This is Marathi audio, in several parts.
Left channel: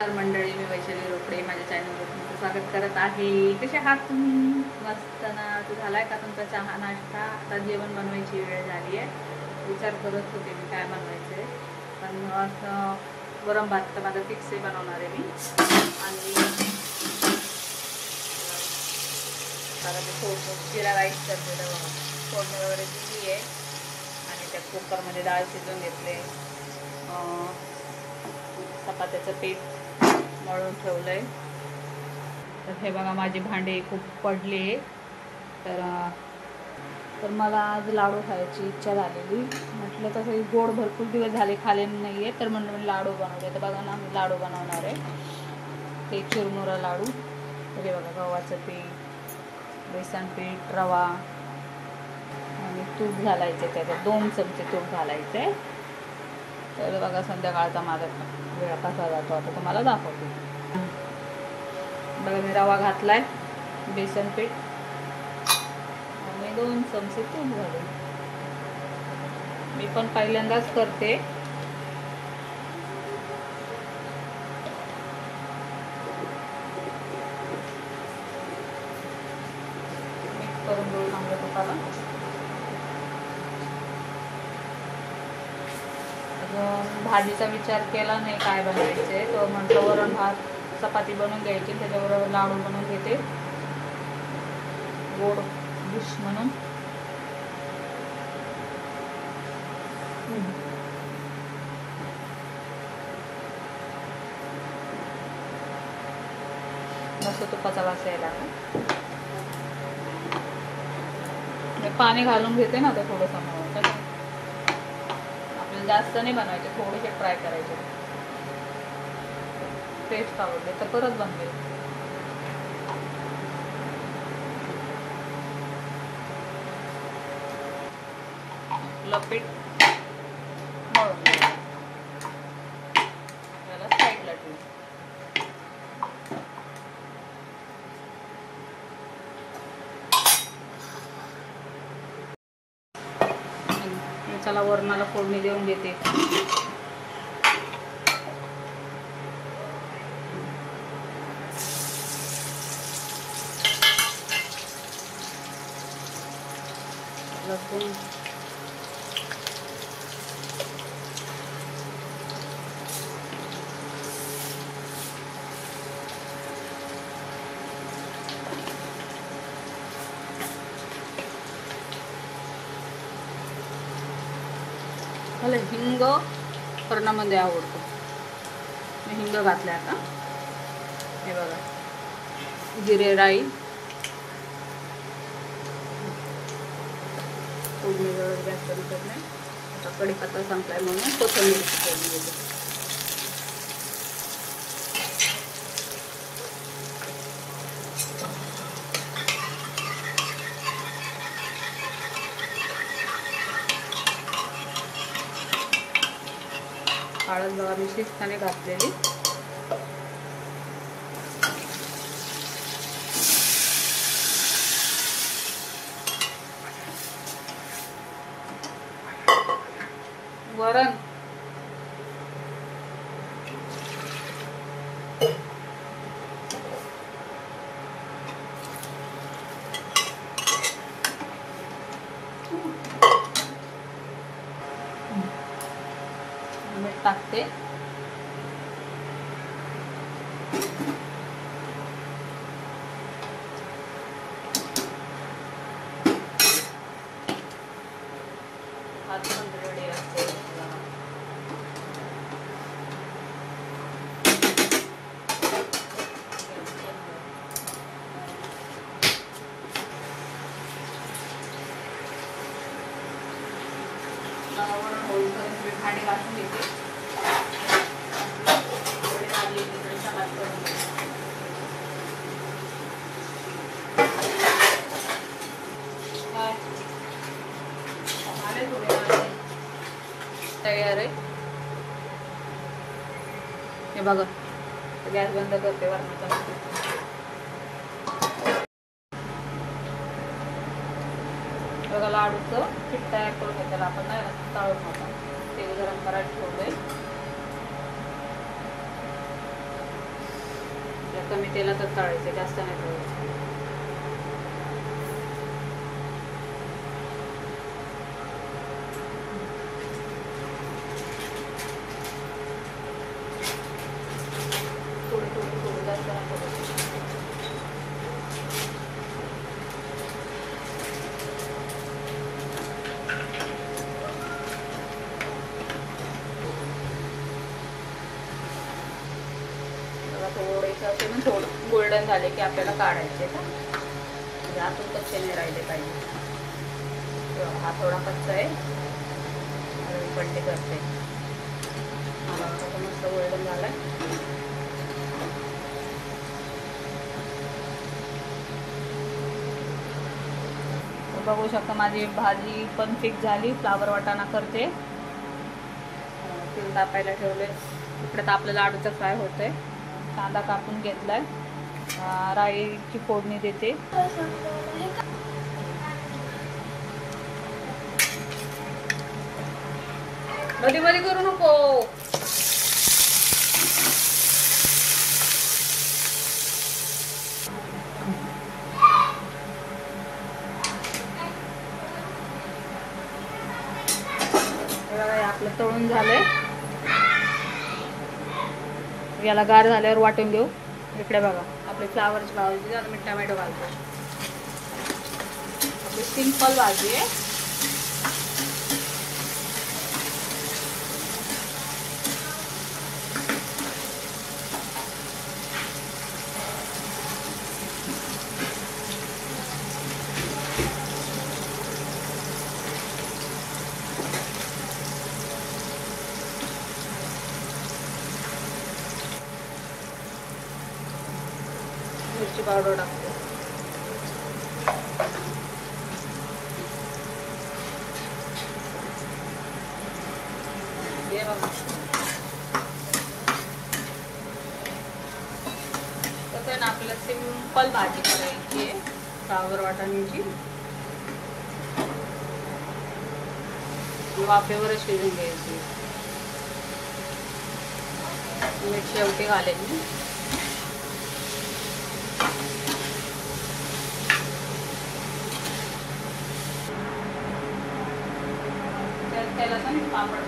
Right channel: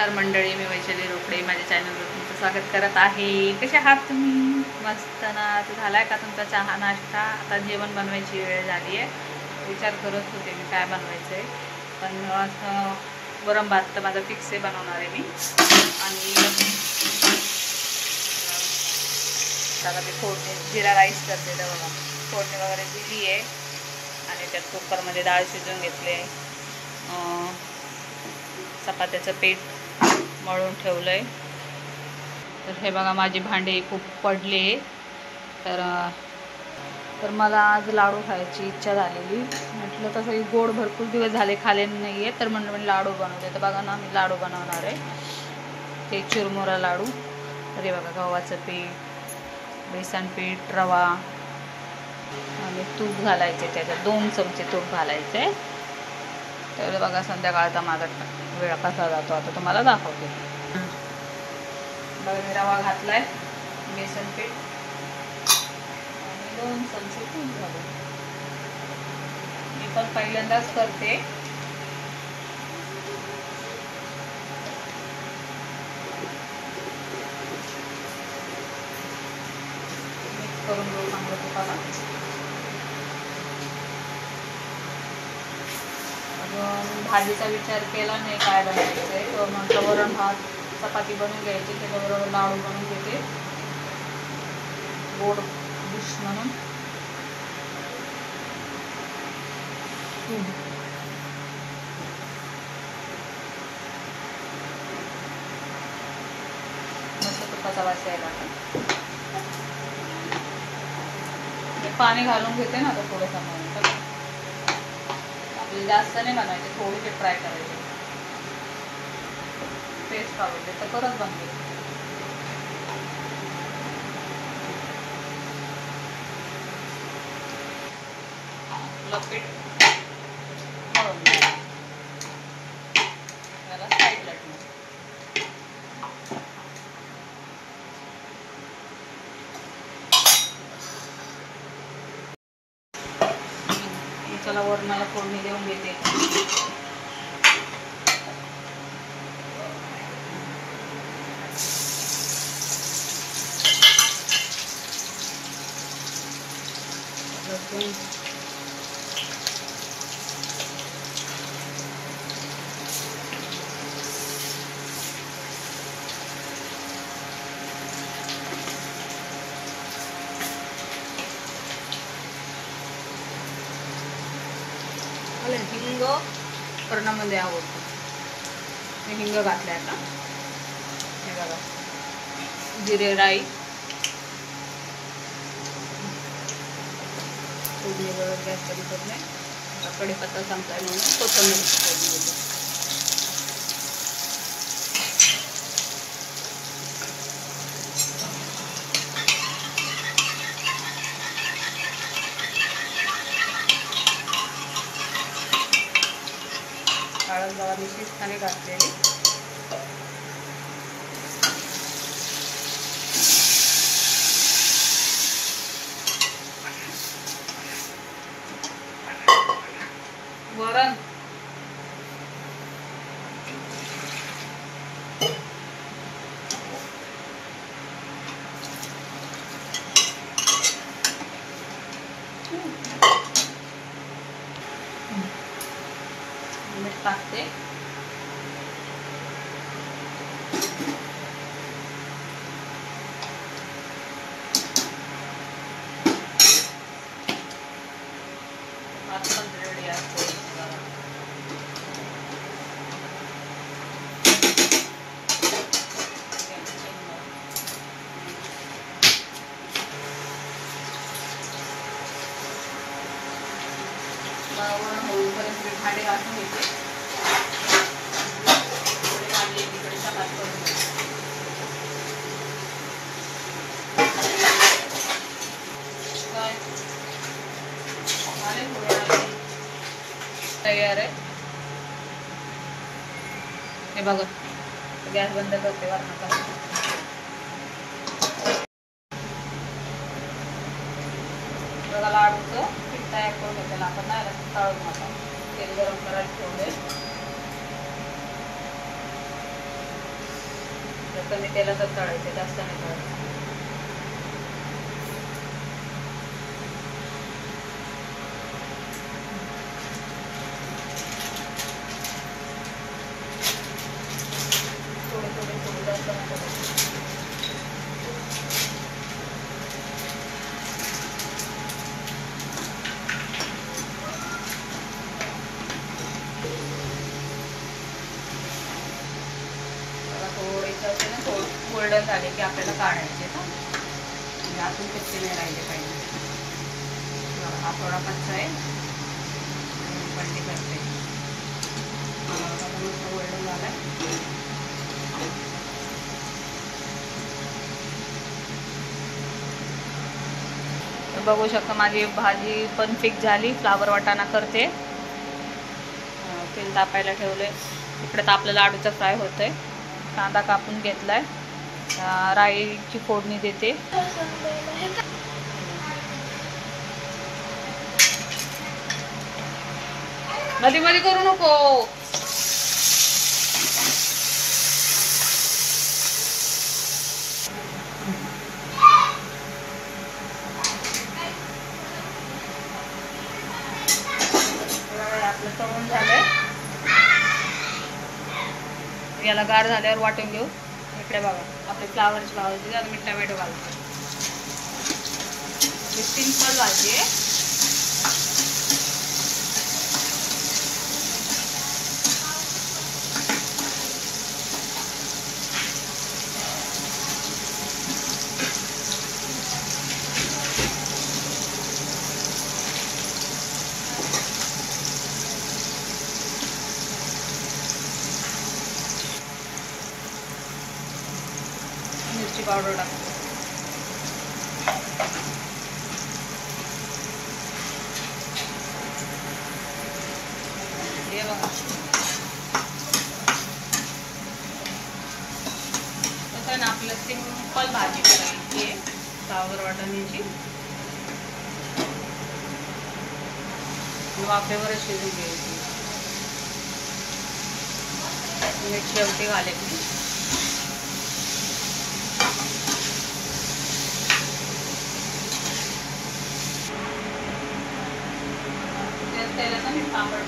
तर मंडळी, मी वैशाली रोकडे माझ्या चॅनलवर तुमचं स्वागत करत आहे. कसे आहात तुम्ही? मस्त ना? तर झाला आहे का तुमचा चहा नाश्ता? आता जेवण बनवायची वेळ झाली आहे. विचार करत होते मी काय बनवायचं आहे, पण असं वरण भात तर माझा फिक्स आहे, बनवणार आहे मी. आणि आता ते फोडणी जिरा राईस करते, तर फोडणी वगैरे दिली आहे आणि त्यात कुकरमध्ये डाळ शिजवून घेतले. चपात्याचं पीठ मळून ठेवलं आहे. तर हे बघा, माझी भांडी खूप पडले. तर मला आज लाडू खायची इच्छा झालेली. म्हटलं तसं गोड भरपूर दिवस झाले खाले नाही आहे, तर म्हणलं मी लाडू बनवते. तर बघा ना, मी लाडू बनवणार आहे, ते चिरमुरा लाडू. तर हे बघा, गव्हाचं पीठ, बेसन पीठ, रवा आणि तूप घालायचे. त्याच्यात 2 चमचे तूप घालायचे. तर बघा, संध्याकाळचा माझा वेळ कसा जातो आता तुम्हाला दाखवते. बघा, मी रवा घातलाय, बेसन पीठ आणि 2 चमचे तूप घालून. मी पण पहिल्यांदाच करते. मिक्स करून घेऊ चांगलं तुपाला. भाजीचा विचार केला नाही काय बनवायचं आहे, तो म्हटलं वरण भात चपाती बनवून घ्यायची, त्याच्याबरोबर लाडू बनवून घेते गोड डिश म्हणून. मस्त तुपाचा वास यायला. मी पाणी घालून घेते ना आता थोडंसं. जास्त नाही बनवायचे, थोडेसे ट्राय करायचे, टेस्ट आवडते तर करत बनते. पीठ मळून त्याला साईडला ठेवू. चला, वरणाला फोडणी देऊन देते. लसूण, मला हिंग करण्यामध्ये आवडतो. मी हिंग घातले. आता हे बघा, जिरे राई फोडणीवर गॅस कधी नाही. आता कढीपत्ता संपलाय म्हणून कोथिंबीर फोडणी देते. हळद बघा मी शिजताना घातलेली. वरण टाकते. रेडी असते. होईपर्यंत मी भांडे घासून घेते. तयार आहे. हे बघा, गॅस बंद करते. वरणाचा बघा, लाडूचं पीठ तयार करतो. त्याला आपण नाही तळून आपण तेल गरम करायला ठेवले. कमी तेलातच तळायचं, जास्त नाही तळायचं. गोल्डन झाले की आपल्याला काढायचे तर म्हणजे आतून कच्चे नाही राहिले पाहिजे. हा थोडा कच्चा आहे, बंडी करते. मस्त गोल्डन झालाय. तर बघू शकता माझी भाजी पण फिक्स झाली. फ्लावर वाटाणा करते, तेल तापायला ठेवले. इकडे तर आपलं लाडूचं फ्राय होतंय. कांदा कापून घेतलाय, राईची फोडणी देते. मध्ये मध्ये करू नको. आपलं तळून झालंय. याला गार झाल्यावर वाटून घेऊ. इकडे बघा आपले फ्लावरची भाजी. आता मी टमॅटो घालतो. सिंपल भाजी आहे. मिरची पावडर टाकतो. हे बघा कसं आहे ना, आपलं सिंपल भाजी करायची आहे फ्लावर वाटाण्याची. वाफेवरच शिजून घ्यायची. मीठ शेवटी घालायची. त्याला ना मी पापड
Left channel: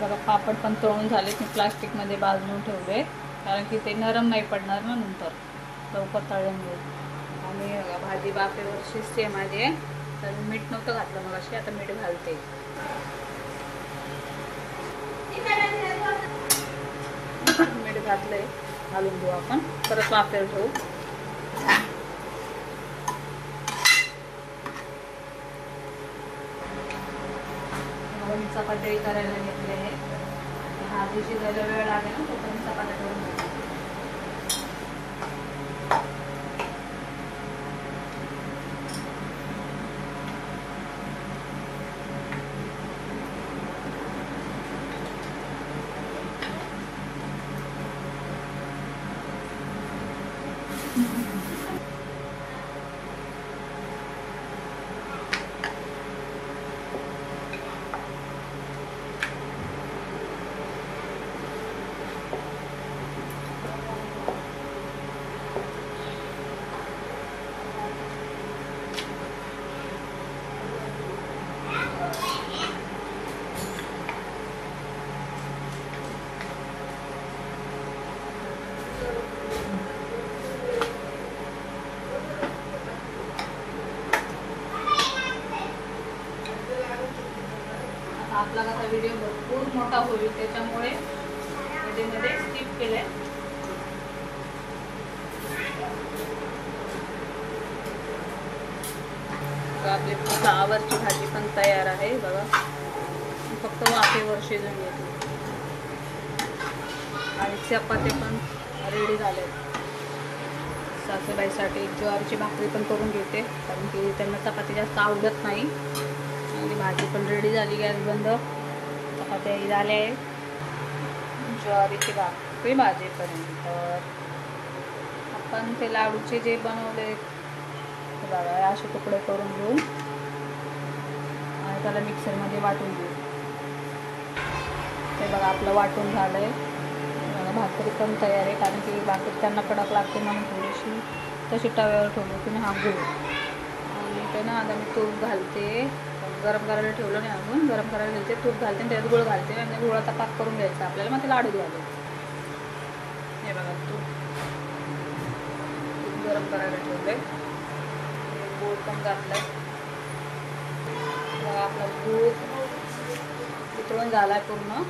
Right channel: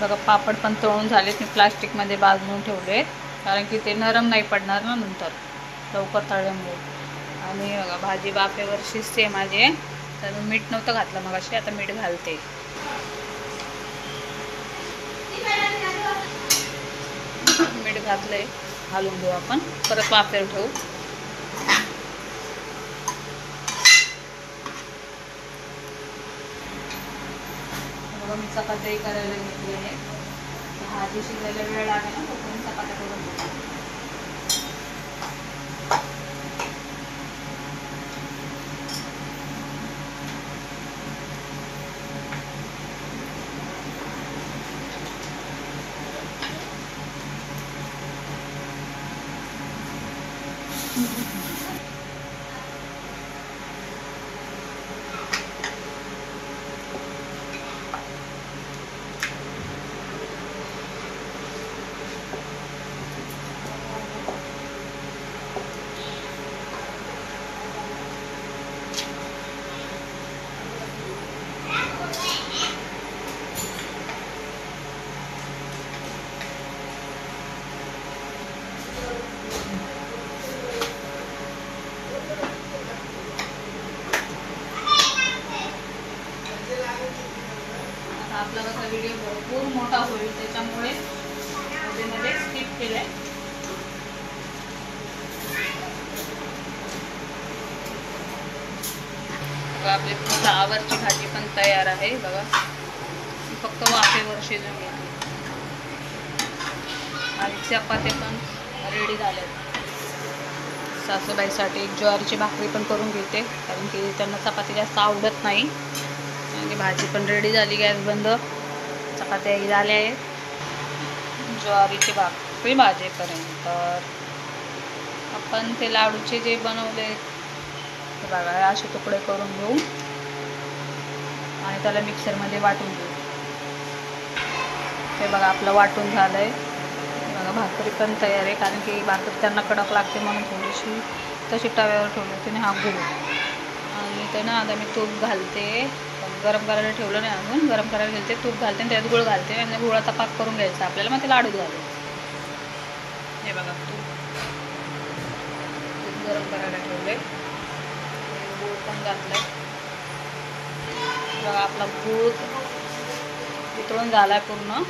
बघा. पापड पण तळून झालेत. मी प्लास्टिकमध्ये बांधून ठेवले, कारण की ते नरम नाही पडणार ना नंतर लवकर तळल्यामुळे. आणि बघा भाजी वाफेवर शिजते माझी. तर मी मीठ नव्हतं घातलं मग अशी, आता मीठ घालते. मीठ घातलंय, घालून घेऊ आपण. परत वाफेवर ठेवू. मग मी चपाती करायला घेतली आहे. भाजी शिजायला वेळ लागेल ना, तोपर्यंत चपात्या करून घेऊ. आपला कसा व्हिडिओ भरपूर मोठा होईल, त्याच्यामुळे मध्ये स्किप केलंय. आपली फ्लावरची भाजी पण तयार आहे बघा. फक्त वाफेवर शिजून घेतली आणि चपात्या पण रेडी झाल्यात. सासूबाईसाठी एक ज्वारीची भाकरी पण करून घेते, कारण की त्यांना चपाती जास्त आवडत नाही. आणि भाजी पण रेडी झाली. गॅस बंद. चपात्याही झाल्या आहेत. ज्वारीची भाकरी भाजीपर्यंत. आपण ते लाडूचे जे बनवले ते बघा असे तुकडे करून घेऊ आणि त्याला मिक्सरमध्ये वाटून घेऊ. हे बघा आपलं वाटून झालंय. बघा भाकरी पण तयार आहे, कारण की भाकरी त्यांना कडक लागते म्हणून थोडीशी तशी तव्यावर ठेवली होती आणि हा गूळ आणि ते ना आता मी तूप घालते. गरम करायला ठेवलं नाही अजून, गरम करायला घालते, तूप घालते आणि त्यात गूळ घालते आणि गुळाचा पाक करून घ्यायचा आपल्याला, मग ते लाडूत घालू. हे बघा तूप गरम करायला ठेवले, गूळ पण घातलाय. बघा आपला गूळ वितळून झालाय पूर्ण.